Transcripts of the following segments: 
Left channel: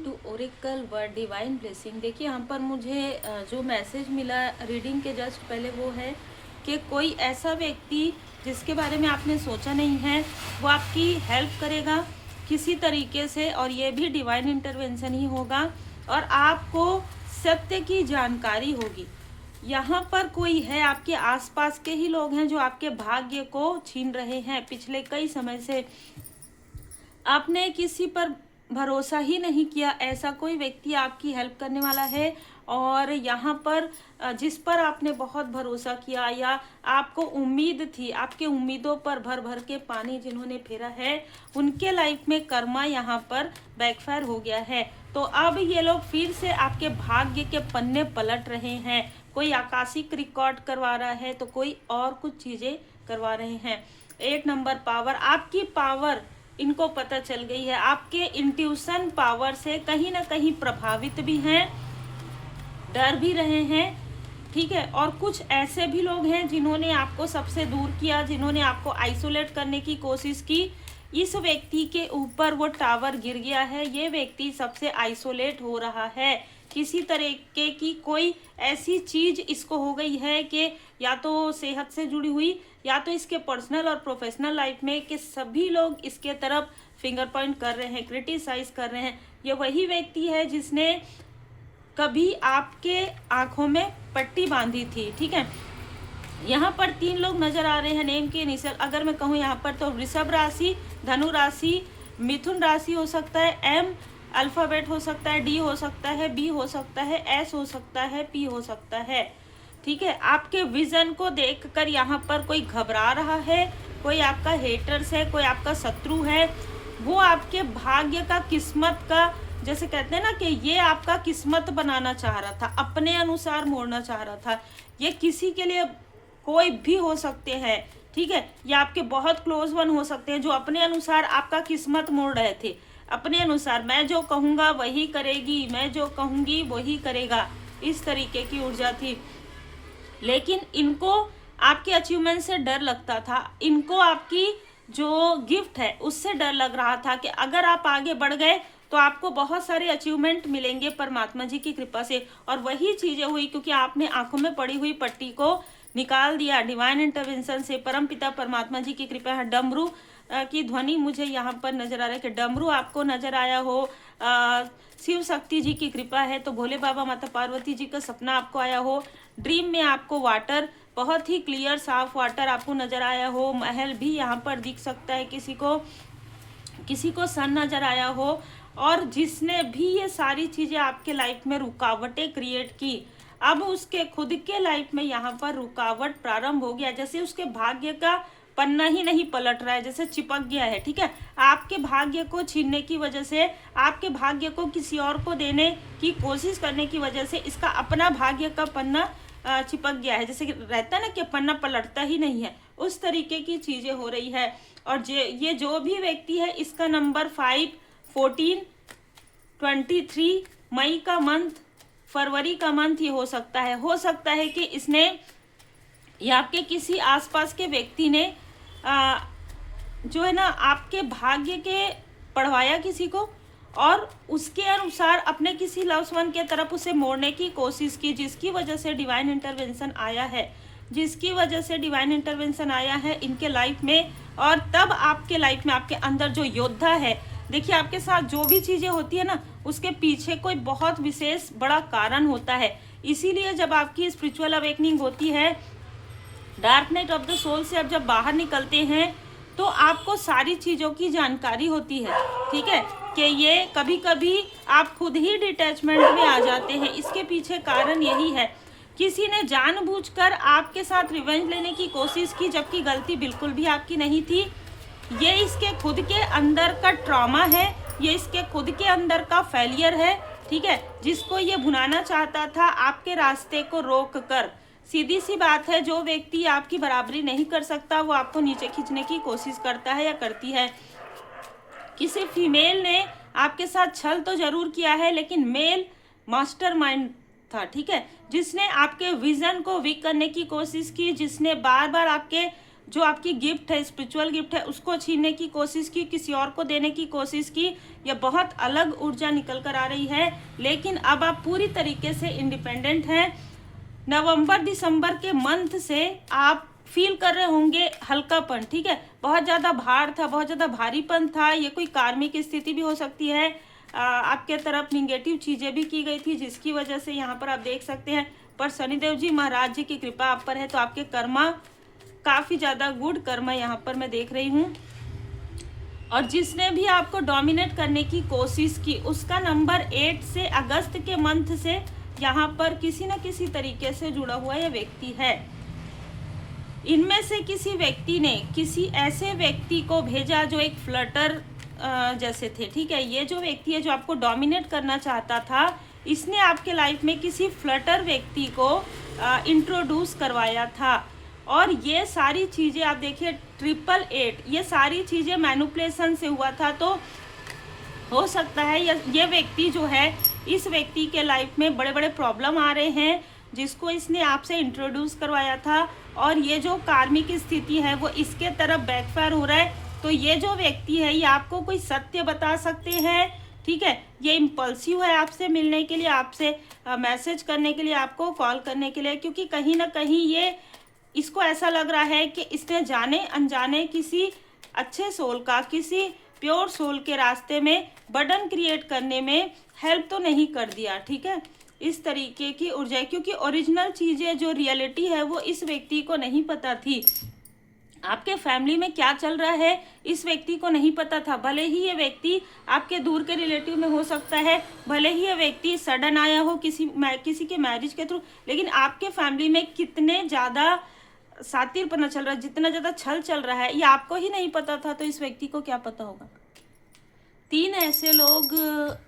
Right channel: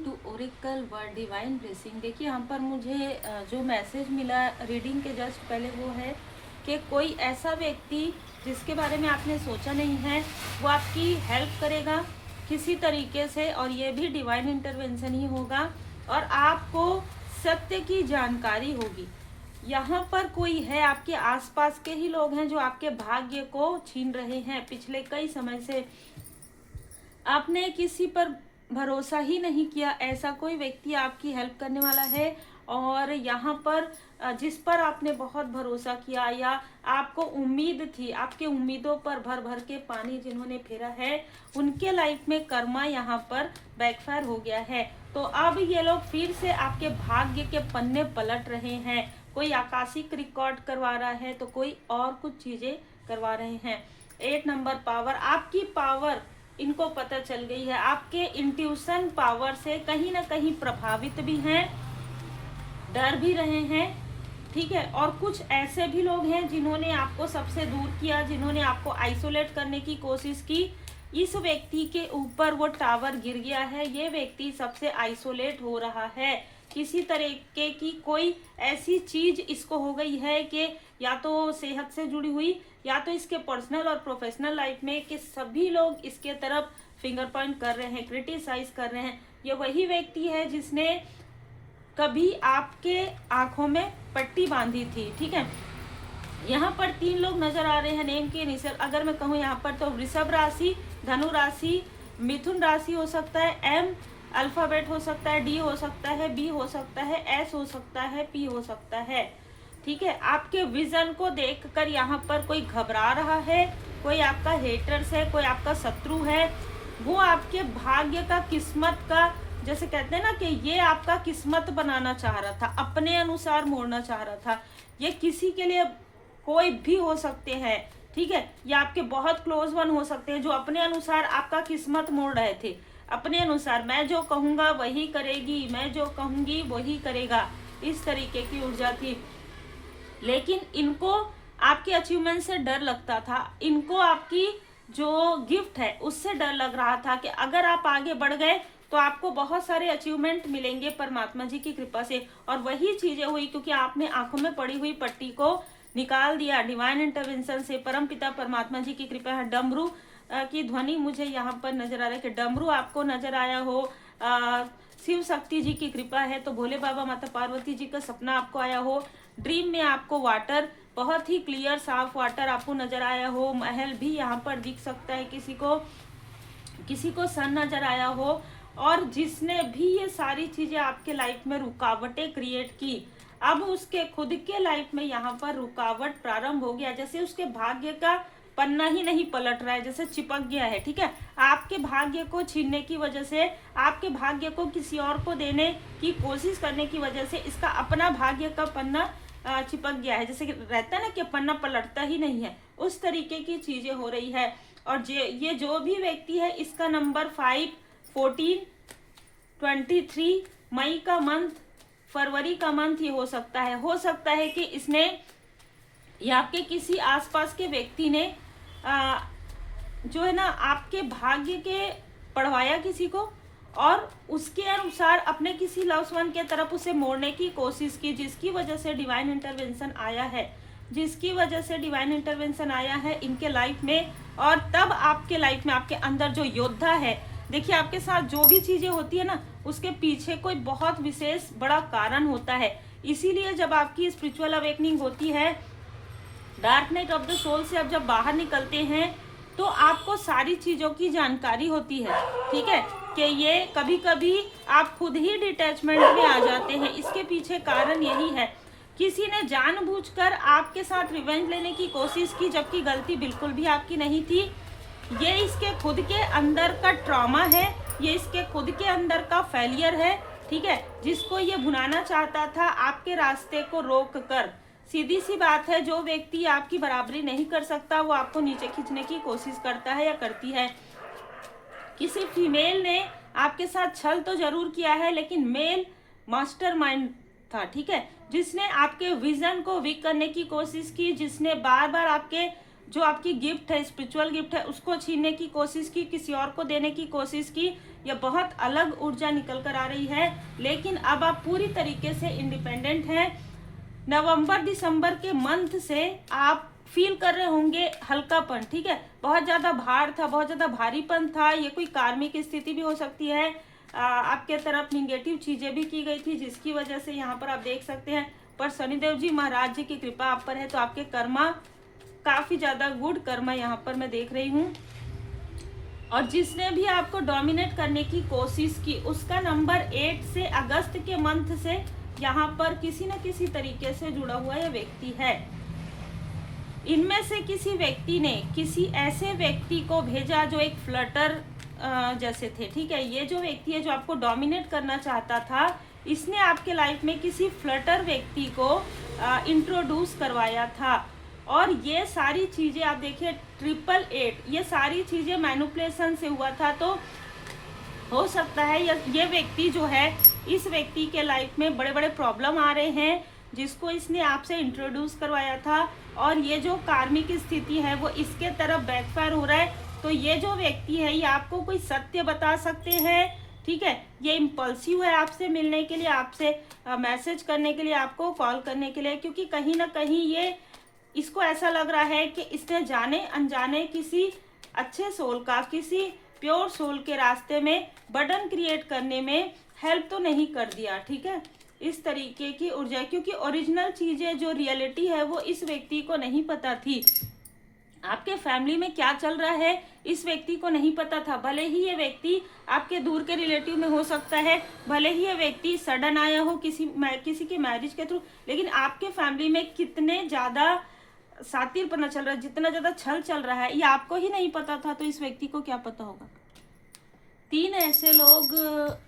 To oracle word divine blessing. देखिए यहाँ पर मुझे जो मैसेज मिला रीडिंग के जस्ट पहले वो है कि कोई ऐसा व्यक्ति जिसके बारे में आपने सोचा नहीं है वो आपकी हेल्प करेगा किसी तरीके से, और ये भी डिवाइन इंटरवेंशन ही होगा और आपको सत्य की जानकारी होगी। यहाँ पर कोई है, आपके आसपास के ही लोग हैं जो आपके भाग्य को छीन रहे हैं। पिछले कई समय से आपने किसी पर भरोसा ही नहीं किया, ऐसा कोई व्यक्ति आपकी हेल्प करने वाला है। और यहाँ पर जिस पर आपने बहुत भरोसा किया या आपको उम्मीद थी, आपके उम्मीदों पर भर भर के पानी जिन्होंने फेरा है, उनके लाइफ में कर्मा यहाँ पर बैकफायर हो गया है। तो अब ये लोग फिर से आपके भाग्य के पन्ने पलट रहे हैं। कोई आकाशिक रिकॉर्ड करवा रहा है तो कोई और कुछ चीजें करवा रहे हैं। 8 नंबर पावर, आपकी पावर इनको पता चल गई है। आपके इंट्यूशन पावर से कहीं ना कहीं प्रभावित भी हैं, डर भी रहे हैं, ठीक है। और कुछ ऐसे भी लोग हैं जिन्होंने आपको सबसे दूर किया, जिन्होंने आपको आइसोलेट करने की कोशिश की। इस व्यक्ति के ऊपर वो टावर गिर गया है, ये व्यक्ति सबसे आइसोलेट हो रहा है। किसी तरीके की कोई ऐसी चीज इसको हो गई है कि या तो सेहत से जुड़ी हुई या तो इसके पर्सनल और प्रोफेशनल लाइफ में, कि सभी लोग इसके तरफ फिंगर पॉइंट कर रहे हैं, क्रिटिसाइज कर रहे हैं। ये वही व्यक्ति है जिसने कभी आपके आंखों में पट्टी बांधी थी, ठीक है। यहाँ पर 3 लोग नजर आ रहे हैं नेम के इनिशियल। अगर मैं कहूँ यहाँ पर तो वृषभ राशि, धनु राशि, मिथुन राशि हो सकता है, एम अल्फाबेट हो सकता है, डी हो सकता है, बी हो सकता है, एस हो सकता है, पी हो सकता है, ठीक है। आपके विजन को देखकर यहाँ पर कोई घबरा रहा है, कोई आपका हेटर्स है, कोई आपका शत्रु है। वो आपके भाग्य का, किस्मत का, जैसे कहते हैं ना कि ये आपका किस्मत बनाना चाह रहा था, अपने अनुसार मोड़ना चाह रहा था। ये किसी के लिए कोई भी हो सकते हैं, ठीक है। ये आपके बहुत क्लोज वन हो सकते हैं जो अपने अनुसार आपका किस्मत मोड़ रहे थे। अपने अनुसार, मैं जो कहूँगा वही करेगी, मैं जो कहूँगी वही करेगा, इस तरीके की ऊर्जा थी। लेकिन इनको आपके अचीवमेंट से डर लगता था, इनको आपकी जो गिफ्ट है उससे डर लग रहा था कि अगर आप आगे बढ़ गए तो आपको बहुत सारे अचीवमेंट मिलेंगे परमात्मा जी की कृपा से। और वही चीजें हुई, क्योंकि आपने आंखों में पड़ी हुई पट्टी को निकाल दिया डिवाइन इंटरवेंशन से। परमपिता परमात्मा जी की कृपा है। डमरू की ध्वनि मुझे यहाँ पर नजर आ रहा है कि डमरू आपको नजर आया हो। शिव शक्ति जी की कृपा है तो भोले बाबा माता पार्वती जी का सपना आपको आया हो। ड्रीम में आपको वाटर, बहुत ही क्लियर साफ वाटर आपको नजर आया हो। महल भी यहाँ पर दिख सकता है किसी को सन नजर आया हो। और जिसने भी ये सारी चीजें आपके लाइफ में रुकावटें क्रिएट की, अब उसके खुद के लाइफ में यहाँ पर रुकावट प्रारंभ हो गया। जैसे उसके भाग्य का पन्ना ही नहीं पलट रहा है, जैसे चिपक गया है, ठीक है। आपके भाग्य को छीनने की वजह से, आपके भाग्य को किसी और को देने की कोशिश करने की वजह से इसका अपना भाग्य का पन्ना चिपक गया है। जैसे रहता है ना कि पन्ना पलटता ही नहीं है, उस तरीके की चीजें हो रही है। और ये जो भी व्यक्ति है, इसका नंबर 5, 14, 23 मई का मंथ, फरवरी का मंथ ये हो सकता है कि इसने या आपके किसी आसपास के व्यक्ति ने जो है ना आपके भाग्य के पढ़वाया किसी को, और उसके अनुसार अपने किसी लव्ड वन के तरफ उसे मोड़ने की कोशिश की, जिसकी वजह से डिवाइन इंटरवेंशन आया है इनके लाइफ में। और तब आपके लाइफ में, आपके अंदर जो योद्धा है, देखिए आपके साथ जो भी चीजें होती है ना, उसके पीछे कोई बहुत विशेष बड़ा कारण होता है। इसीलिए जब आपकी स्पिरिचुअल अवेकनिंग होती है, dark night of the soul से अब जब बाहर निकलते हैं तो आपको सारी चीजों की जानकारी होती है, ठीक है, कि ये कभी कभी आप खुद ही डिटैचमेंट में आ जाते हैं। इसके पीछे कारण यही है, किसी ने जानबूझकर आपके साथ रिवेंज लेने की कोशिश की, जबकि गलती बिल्कुल भी आपकी नहीं थी। ये इसके खुद के अंदर का ट्रॉमा है, ये इसके खुद के अंदर का फेलियर है, ठीक है, जिसको ये भुनाना चाहता था आपके रास्ते को रोक कर। सीधी सी बात है, जो व्यक्ति आपकी बराबरी नहीं कर सकता वो आपको नीचे खींचने की कोशिश करता है या करती है। किसी फीमेल ने आपके साथ छल तो जरूर किया है, लेकिन मेल मास्टरमाइंड था, ठीक है, जिसने आपके विजन को वीक करने की कोशिश की, जिसने बार बार आपके जो आपकी गिफ्ट है, स्पिरिचुअल गिफ्ट है, उसको छीनने की कोशिश की, किसी और को देने की कोशिश की। यह बहुत अलग ऊर्जा निकल कर आ रही है, लेकिन अब आप पूरी तरीके से इंडिपेंडेंट हैं। नवंबर दिसंबर के मंथ से आप फील कर रहे होंगे हल्कापन, ठीक है। बहुत ज़्यादा भार था, बहुत ज़्यादा भारीपन था। ये कोई कार्मिक स्थिति भी हो सकती है, आपके तरफ निगेटिव चीज़ें भी की गई थी, जिसकी वजह से यहाँ पर आप देख सकते हैं। पर शनिदेव जी महाराज जी की कृपा आप पर है, तो आपके कर्मा काफ़ी ज़्यादा गुड कर्मा यहाँ पर मैं देख रही हूँ। और जिसने भी आपको डोमिनेट करने की कोशिश की, उसका नंबर 8 से अगस्त के मंथ से यहाँ पर किसी न किसी तरीके से जुड़ा हुआ यह व्यक्ति है। इनमें से किसी व्यक्ति ने किसी ऐसे व्यक्ति को भेजा जो एक फ्लटर जैसे थे, ठीक है। ये जो व्यक्ति है जो आपको डोमिनेट करना चाहता था, इसने आपके लाइफ में किसी फ्लटर व्यक्ति को इंट्रोड्यूस करवाया था। और ये सारी चीज़ें आप देखिए 888, ये सारी चीज़ें मैनिपुलेशन से हुआ था। तो हो सकता है ये व्यक्ति जो है, इस व्यक्ति के लाइफ में बड़े बड़े प्रॉब्लम आ रहे हैं, जिसको इसने आपसे इंट्रोड्यूस करवाया था। और ये जो कार्मिक स्थिति है वो इसके तरफ बैकफायर हो रहा है। तो ये जो व्यक्ति है ये आपको कोई सत्य बता सकते हैं, ठीक है। ये इम्पल्सिव है आपसे मिलने के लिए, आपसे मैसेज करने के लिए, आपको कॉल करने के लिए, क्योंकि कहीं ना कहीं ये इसको ऐसा लग रहा है कि इसने जाने अनजाने किसी अच्छे सोल का, किसी प्योर सोल के रास्ते में बर्डन क्रिएट करने में हेल्प तो नहीं कर दिया, ठीक है। इस तरीके की ऊर्जा, क्योंकि ओरिजिनल चीज़ें जो रियलिटी है वो इस व्यक्ति को नहीं पता थी। आपके फैमिली में क्या चल रहा है इस व्यक्ति को नहीं पता था। भले ही ये व्यक्ति आपके दूर के रिलेटिव में हो सकता है, भले ही ये व्यक्ति सडन आया हो किसी के मैरिज के थ्रू, लेकिन आपके फैमिली में कितने ज़्यादा सातिरपना चल रहा है, जितना ज़्यादा छल चल रहा है, ये आपको ही नहीं पता था, तो इस व्यक्ति को क्या पता होगा। 3 ऐसे लोग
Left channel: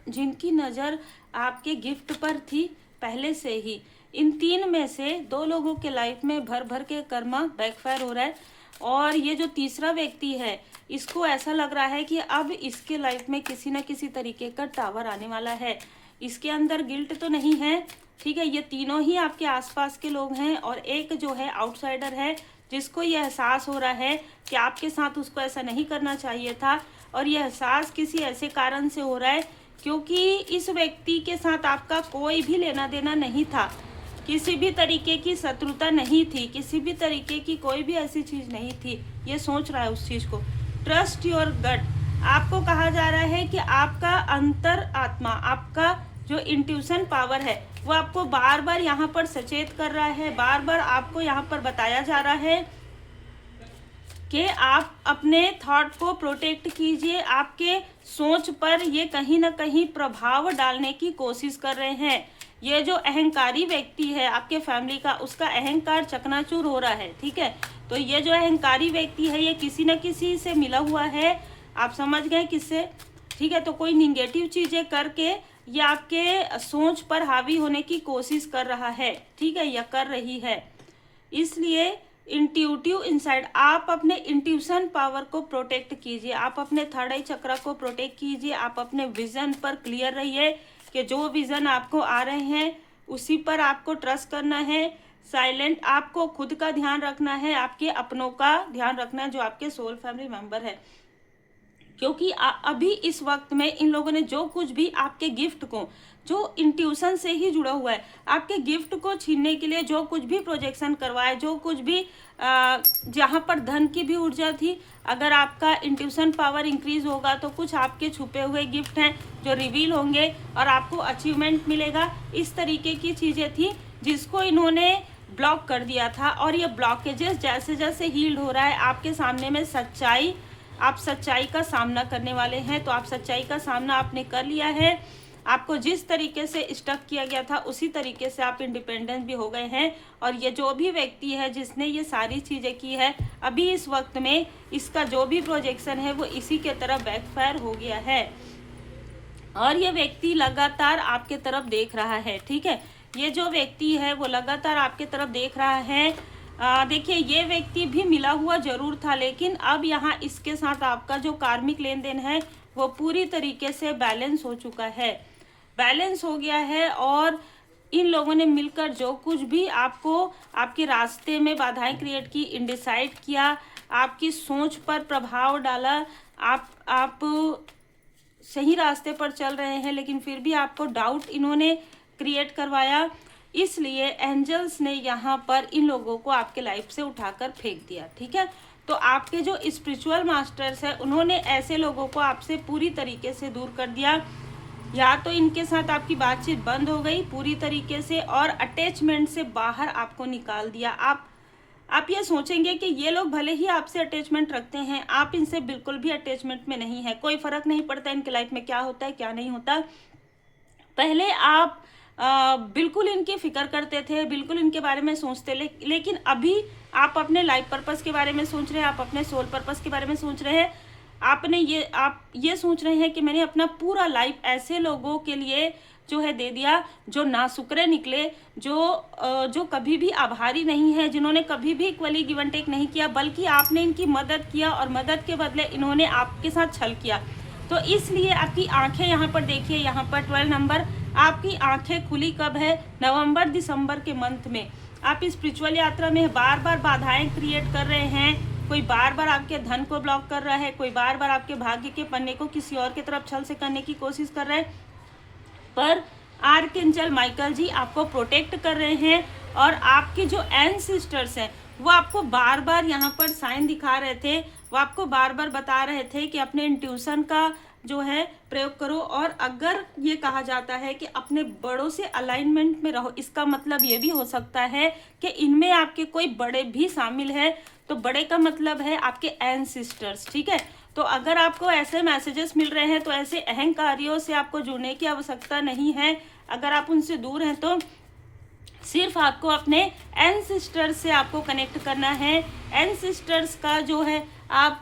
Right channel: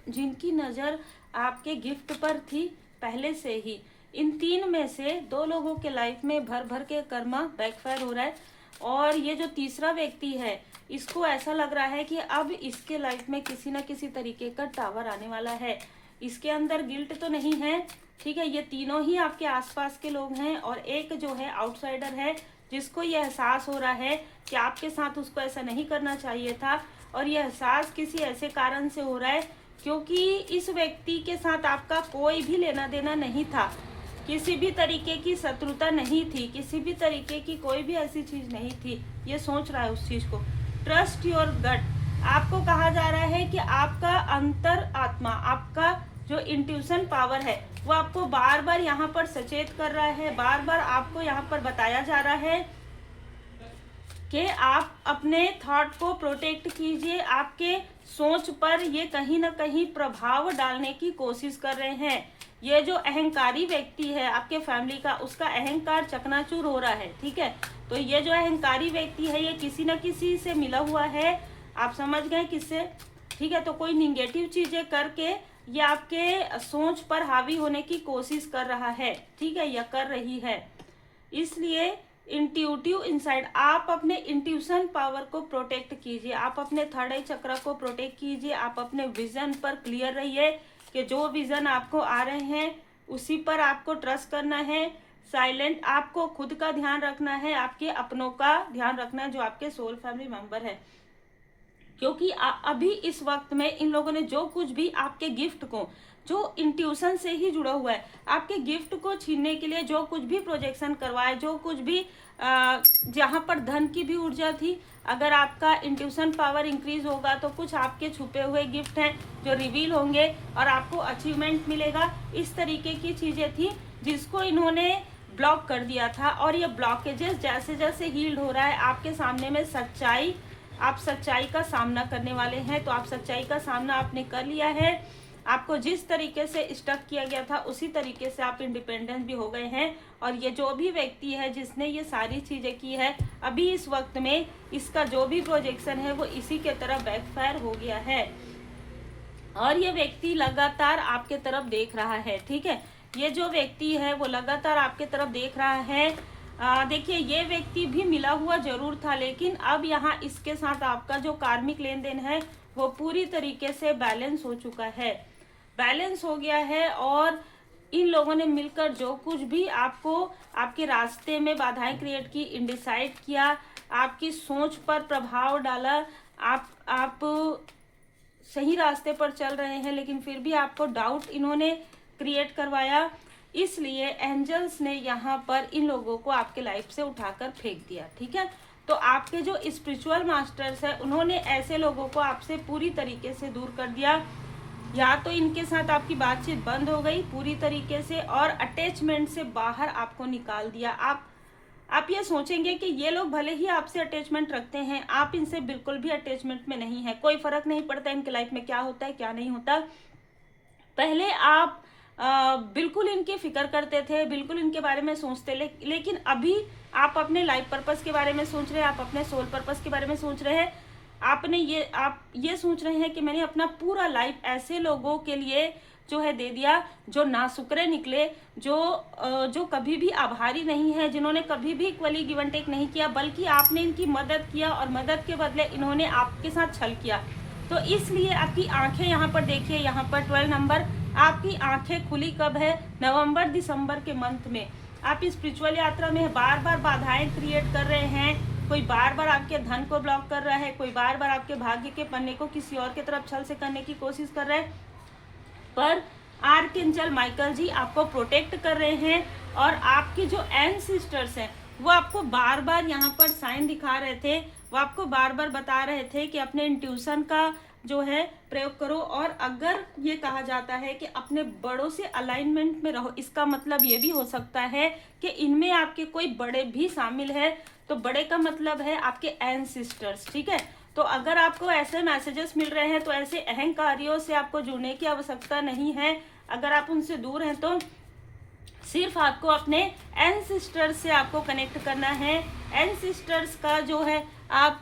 जिनकी नज़र आपके गिफ्ट पर थी पहले से ही, इन 3 में से 2 लोगों के लाइफ में भर भर के कर्मा बैकफायर हो रहा है। और ये जो तीसरा व्यक्ति है, इसको ऐसा लग रहा है कि अब इसके लाइफ में किसी न किसी तरीके का टावर आने वाला है। इसके अंदर गिल्ट तो नहीं है, ठीक है। ये तीनों ही आपके आसपास के लोग हैं, और एक जो है आउटसाइडर है, जिसको ये एहसास हो रहा है कि आपके साथ उसको ऐसा नहीं करना चाहिए था। और यह एहसास किसी ऐसे कारण से हो रहा है क्योंकि इस व्यक्ति के साथ आपका कोई भी लेना देना नहीं था, किसी भी तरीके की शत्रुता नहीं थी, किसी भी तरीके की कोई भी ऐसी चीज़ नहीं थी। ये सोच रहा है उस चीज़ को। Trust your gut. आपको कहा जा रहा है कि आपका अंतर आत्मा, आपका जो इंट्यूशन पावर है, वो आपको बार बार यहाँ पर सचेत कर रहा है, बार बार आपको यहाँ पर बताया जा रहा है कि आप अपने थॉट को प्रोटेक्ट कीजिए। आपके सोच पर ये कहीं ना कहीं प्रभाव डालने की कोशिश कर रहे हैं। ये जो अहंकारी व्यक्ति है आपके फैमिली का, उसका अहंकार चकनाचूर हो रहा है, ठीक है। तो ये जो अहंकारी व्यक्ति है ये किसी न किसी से मिला हुआ है, आप समझ गए किससे, ठीक है। तो कोई निगेटिव चीज़ें करके ये आपके सोच पर हावी होने की कोशिश कर रहा है, ठीक है, या कर रही है। इसलिए इंट्यूटिव इनसाइड, आप अपने इंट्यूशन पावर को प्रोटेक्ट कीजिए, आप अपने थर्ड आई चक्र को प्रोटेक्ट कीजिए, आप अपने विजन पर क्लियर रहिए कि जो विजन आपको आ रहे हैं उसी पर आपको ट्रस्ट करना है। साइलेंट, आपको खुद का ध्यान रखना है, आपके अपनों का ध्यान रखना है जो आपके सोल फैमिली मेंबर है। क्योंकि अभी इस वक्त में इन लोगों ने जो कुछ भी आपके गिफ्ट को, जो इंट्यूशन से ही जुड़ा हुआ है, आपके गिफ्ट को छीनने के लिए जो कुछ भी प्रोजेक्शन करवाए, जो कुछ भी जहाँ पर धन की भी ऊर्जा थी, अगर आपका इंट्यूशन पावर इंक्रीज होगा तो कुछ आपके छुपे हुए गिफ्ट हैं जो रिवील होंगे और आपको अचीवमेंट मिलेगा। इस तरीके की चीज़ें थी जिसको इन्होंने ब्लॉक कर दिया था। और ये ब्लॉकेजेस जैसे जैसे हील्ड हो रहा है, आपके सामने में सच्चाई, आप सच्चाई का सामना करने वाले हैं। तो आप सच्चाई का सामना आपने कर लिया है। आपको जिस तरीके से स्टक किया गया था उसी तरीके से आप इंडिपेंडेंट भी हो गए हैं। और ये जो भी व्यक्ति है जिसने ये सारी चीज़ें की है, अभी इस वक्त में इसका जो भी प्रोजेक्शन है वो इसी के तरफ बैकफायर हो गया है। और ये व्यक्ति लगातार आपके तरफ देख रहा है, ठीक है। ये जो व्यक्ति है वो लगातार आपके तरफ देख रहा है। देखिए, ये व्यक्ति भी मिला हुआ जरूर था, लेकिन अब यहाँ इसके साथ आपका जो कार्मिक लेन देन है वो पूरी तरीके से बैलेंस हो चुका है, बैलेंस हो गया है। और इन लोगों ने मिलकर जो कुछ भी आपको आपके रास्ते में बाधाएं क्रिएट की, इंडिसाइड किया, आपकी सोच पर प्रभाव डाला, आप सही रास्ते पर चल रहे हैं लेकिन फिर भी आपको डाउट इन्होंने क्रिएट करवाया, इसलिए एंजल्स ने यहाँ पर इन लोगों को आपके लाइफ से उठाकर फेंक दिया। ठीक है, तो आपके जो स्पिरिचुअल मास्टर्स है उन्होंने ऐसे लोगों को आपसे पूरी तरीके से दूर कर दिया, या तो इनके साथ आपकी बातचीत बंद हो गई पूरी तरीके से और अटैचमेंट से बाहर आपको निकाल दिया। आप ये सोचेंगे कि ये लोग भले ही आपसे अटैचमेंट रखते हैं, आप इनसे बिल्कुल भी अटैचमेंट में नहीं है, कोई फर्क नहीं पड़ता इनके लाइफ में क्या होता है क्या नहीं होता। पहले आप बिल्कुल इनकी फिक्र करते थे, बिल्कुल इनके बारे में सोचते, लेकिन अभी आप अपने लाइफ पर्पस के बारे में सोच रहे हैं, आप अपने सोल पर्पस के बारे में सोच रहे हैं। आप ये सोच रहे हैं कि मैंने अपना पूरा लाइफ ऐसे लोगों के लिए जो है दे दिया जो नासुकरे निकले, जो कभी भी आभारी नहीं है, जिन्होंने कभी भी इक्वली गिव एंड टेक नहीं किया, बल्कि आपने इनकी मदद किया और मदद के बदले इन्होंने आपके साथ छल किया। तो इसलिए आपकी आंखें यहाँ पर देखिए, यहाँ पर 12 नंबर, आपकी आंखें खुली कब है? नवंबर दिसंबर के मंथ में। आप स्पिरिचुअल यात्रा में बार बार बाधाएं क्रिएट कर रहे हैं, कोई बार बार आपके धन को ब्लॉक कर रहा है, कोई बार बार आपके भाग्य के पन्ने को किसी और की तरफ छल से करने की कोशिश कर रहा है, पर आर्कएंजल माइकल जी आपको प्रोटेक्ट कर रहे हैं। और आपके जो एंसेस्टर्स हैं वो आपको बार बार यहाँ पर साइन दिखा रहे थे, वो आपको बार बार बता रहे थे कि अपने इंट्यूशन का जो है प्रयोग करो। और अगर ये कहा जाता है कि अपने बड़ों से अलाइनमेंट में रहो, इसका मतलब ये भी हो सकता है कि इनमें आपके कोई बड़े भी शामिल है। तो बड़े का मतलब है आपके एंसेस्टर्स। ठीक है, तो अगर आपको ऐसे मैसेजेस मिल रहे हैं तो ऐसे अहंकारियों से आपको जुड़ने की आवश्यकता नहीं है। अगर आप उनसे दूर हैं तो सिर्फ आपको अपने एंसेस्टर्स से आपको कनेक्ट करना है। एंसेस्टर्स का जो है आप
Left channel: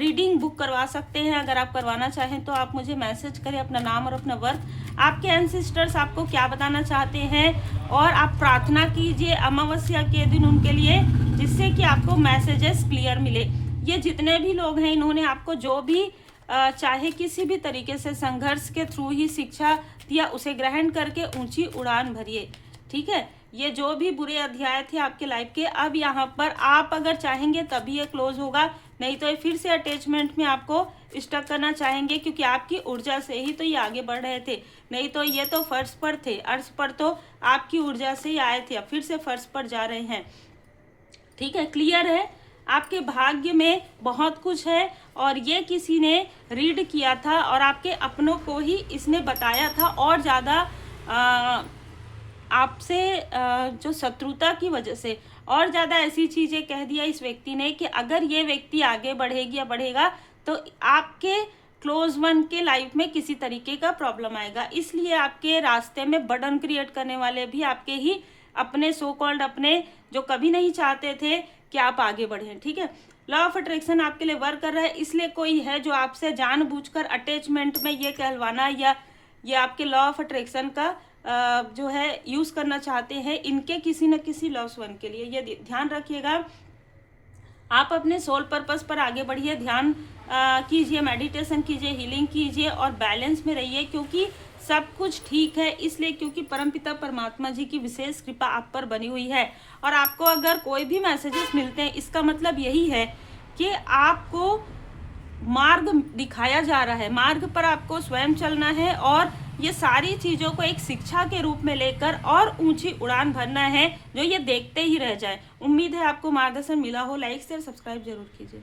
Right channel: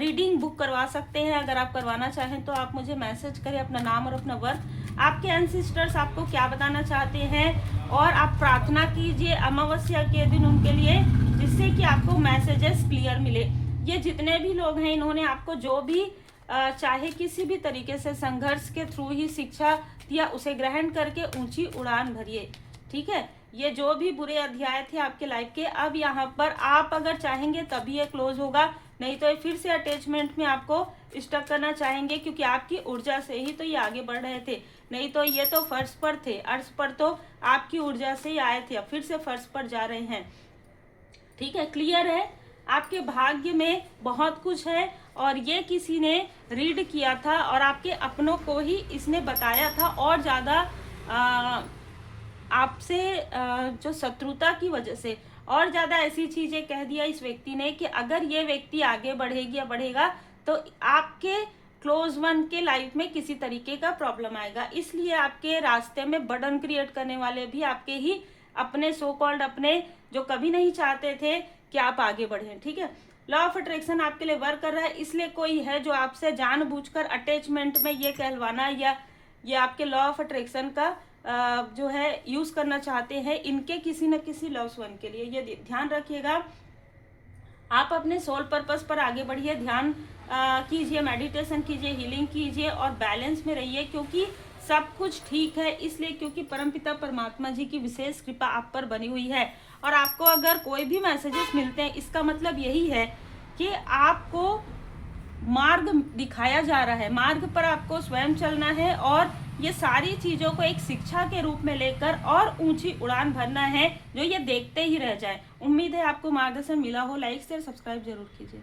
रीडिंग बुक करवा सकते हैं। अगर आप करवाना चाहें तो आप मुझे मैसेज करें अपना नाम और अपना वर्क, आपके एंसेस्टर्स आपको क्या बताना चाहते हैं, और आप प्रार्थना कीजिए अमावस्या के दिन उनके लिए, जिससे कि आपको मैसेजेस क्लियर मिले। ये जितने भी लोग हैं इन्होंने आपको जो भी चाहे किसी भी तरीके से संघर्ष के थ्रू ही शिक्षा दिया, उसे ग्रहण करके ऊंची उड़ान भरिए। ठीक है, ये जो भी बुरे अध्याय थे आपके लाइफ के, अब यहाँ पर आप अगर चाहेंगे तभी ये क्लोज होगा, नहीं तो ये फिर से अटैचमेंट में आपको स्टक करना चाहेंगे, क्योंकि आपकी ऊर्जा से ही तो ये आगे बढ़ रहे थे। नहीं तो ये तो फर्श पर थे, अर्श पर तो आपकी ऊर्जा से ही आए थे, अब फिर से फर्श पर जा रहे हैं। ठीक है, क्लियर है? आपके भाग्य में बहुत कुछ है और ये किसी ने रीड किया था और आपके अपनों को ही इसने बताया था, और ज़्यादा आपसे जो शत्रुता की वजह से और ज़्यादा ऐसी चीज़ें कह दिया इस व्यक्ति ने कि अगर ये व्यक्ति आगे बढ़ेगी या बढ़ेगा तो आपके क्लोज वन के लाइफ में किसी तरीके का प्रॉब्लम आएगा। इसलिए आपके रास्ते में बर्डन क्रिएट करने वाले भी आपके ही अपने सो कॉल्ड अपने, जो कभी नहीं चाहते थे कि आप आगे बढ़ें। ठीक है, लॉ ऑफ अट्रैक्शन आपके लिए वर्क कर रहा है, इसलिए कोई है जो आपसे जानबूझकर अटैचमेंट में ये कहलवाना या ये आपके लॉ ऑफ अट्रैक्शन का जो है यूज़ करना चाहते हैं इनके किसी न किसी लॉस वन के लिए। ये ध्यान रखिएगा। आप अपने सोल पर्पस पर आगे बढ़िए, ध्यान कीजिए, मेडिटेशन कीजिए, हीलिंग कीजिए और बैलेंस में रहिए, क्योंकि सब कुछ ठीक है। इसलिए क्योंकि परमपिता परमात्मा जी की विशेष कृपा आप पर बनी हुई है। और आपको अगर कोई भी मैसेजेस मिलते हैं, इसका मतलब यही है कि आपको मार्ग दिखाया जा रहा है, मार्ग पर आपको स्वयं चलना है और ये सारी चीज़ों को एक शिक्षा के रूप में लेकर और ऊंची उड़ान भरना है, जो ये देखते ही रह जाए। उम्मीद है आपको मार्गदर्शन मिला हो। लाइक शेयर सब्सक्राइब जरूर कीजिए।